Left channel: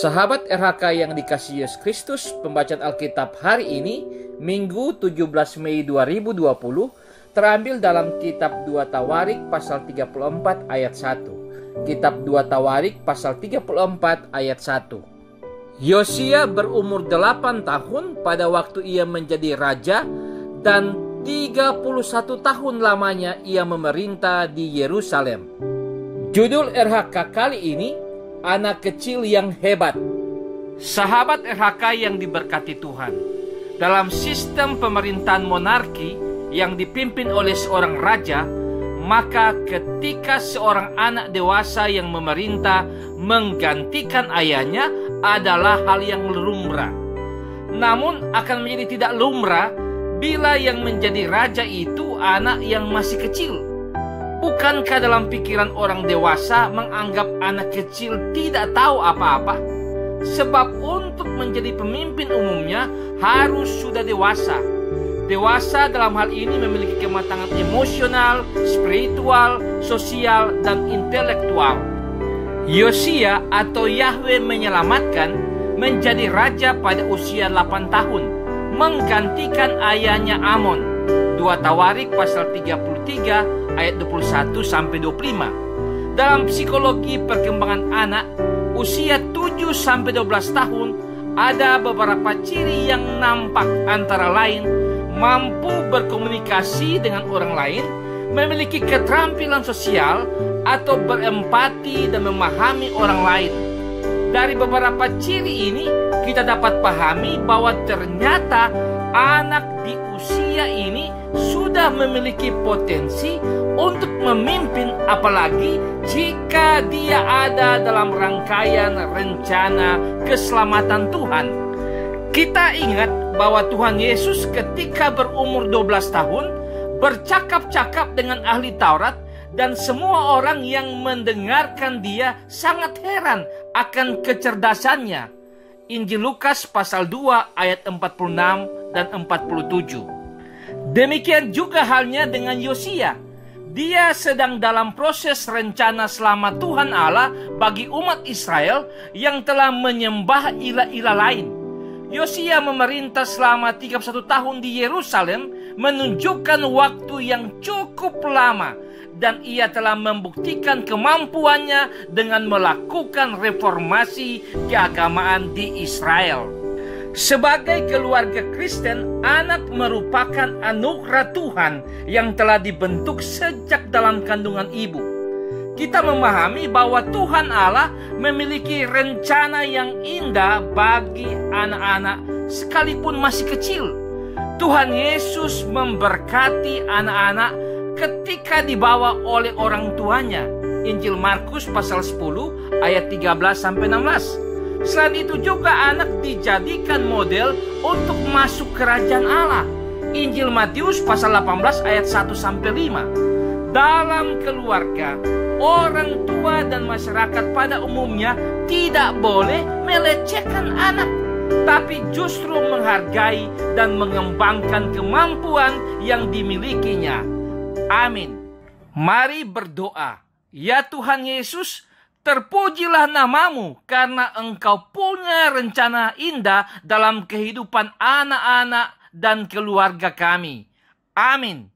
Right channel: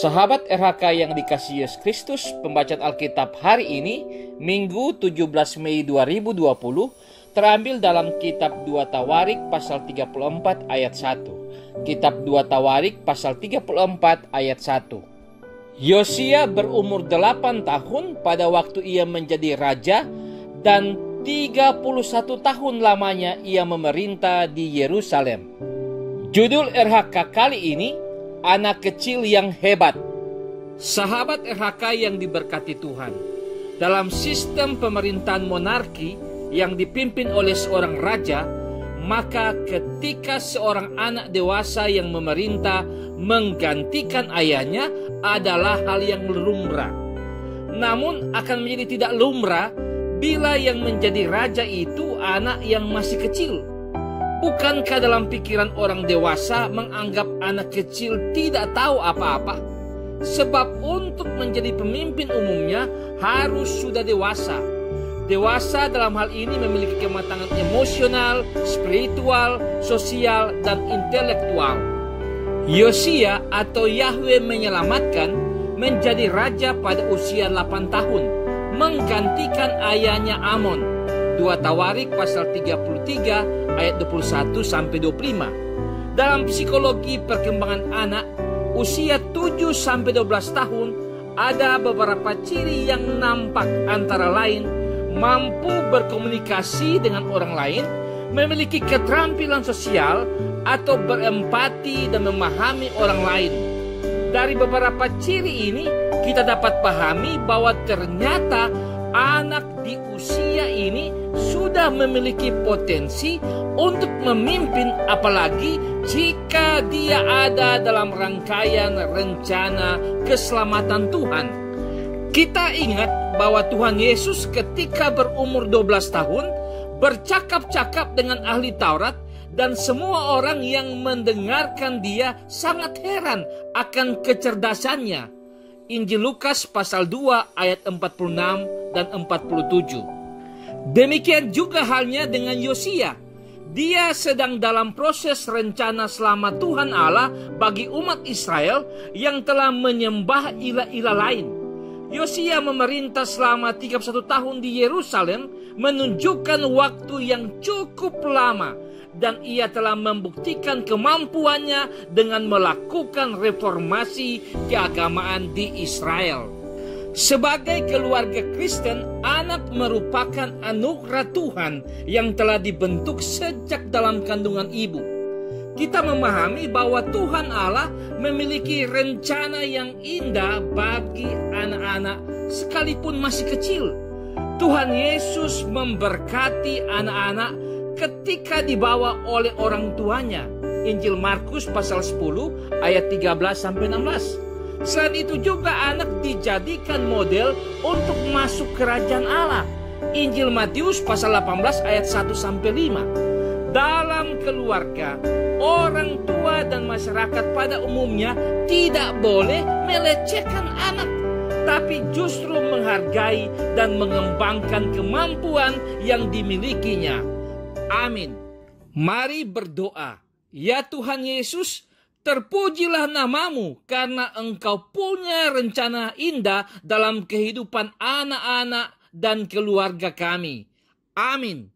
Sahabat RHK yang dikasihi Yesus Kristus, pembacaan Alkitab hari ini, Minggu 17 Mei 2020, terambil dalam kitab 2 Tawarik pasal 34 ayat 1. Kitab 2 Tawarik pasal 34 ayat 1. Yosia berumur 8 tahun pada waktu ia menjadi raja, dan 31 tahun lamanya ia memerintah di Yerusalem. Judul RHK kali ini, Anak Kecil yang Hebat. Sahabat RHK yang diberkati Tuhan, dalam sistem pemerintahan monarki yang dipimpin oleh seorang raja, maka ketika seorang anak dewasa yang memerintah menggantikan ayahnya adalah hal yang lumrah. Namun akan menjadi tidak lumrah bila yang menjadi raja itu anak yang masih kecil. Bukankah dalam pikiran orang dewasa menganggap anak kecil tidak tahu apa-apa? Sebab untuk menjadi pemimpin umumnya harus sudah dewasa. Dewasa dalam hal ini memiliki kematangan emosional, spiritual, sosial, dan intelektual. Yosia atau Yahweh menyelamatkan menjadi raja pada usia 8 tahun, menggantikan ayahnya Amon. 2 Tawarik pasal 33 ayat 21 sampai 25. Dalam psikologi perkembangan anak usia 7 sampai 12 tahun ada beberapa ciri yang nampak, antara lain mampu berkomunikasi dengan orang lain, memiliki keterampilan sosial atau berempati dan memahami orang lain. Dari beberapa ciri ini kita dapat pahami bahwa ternyata anak di usia ini sudah memiliki potensi untuk memimpin, apalagi jika dia ada dalam rangkaian rencana keselamatan Tuhan. Kita ingat bahwa Tuhan Yesus ketika berumur 12 tahun bercakap-cakap dengan ahli Taurat, dan semua orang yang mendengarkan dia sangat heran akan kecerdasannya. Injil Lukas pasal 2 ayat 46 dan 47. Demikian juga halnya dengan Yosia. Dia sedang dalam proses rencana selamat Tuhan Allah bagi umat Israel yang telah menyembah ilah-ilah lain. Yosia memerintah selama 31 tahun di Yerusalem, menunjukkan waktu yang cukup lama, dan ia telah membuktikan kemampuannya dengan melakukan reformasi keagamaan di Israel. Sebagai keluarga Kristen, anak merupakan anugerah Tuhan yang telah dibentuk sejak dalam kandungan ibu. Kita memahami bahwa Tuhan Allah memiliki rencana yang indah bagi anak-anak sekalipun masih kecil. Tuhan Yesus memberkati anak-anak ketika dibawa oleh orang tuanya. Injil Markus pasal 10 ayat 13 sampai 16. Selain itu juga anak dijadikan model untuk masuk kerajaan Allah. Injil Matius pasal 18 ayat 1 sampai 5. Dalam keluarga, orang tua dan masyarakat pada umumnya tidak boleh melecehkan anak, tapi justru menghargai dan mengembangkan kemampuan yang dimilikinya. Amin. Mari berdoa. Ya Tuhan Yesus, terpujilah namamu karena Engkau punya rencana indah dalam kehidupan anak-anak dan keluarga kami. Amin.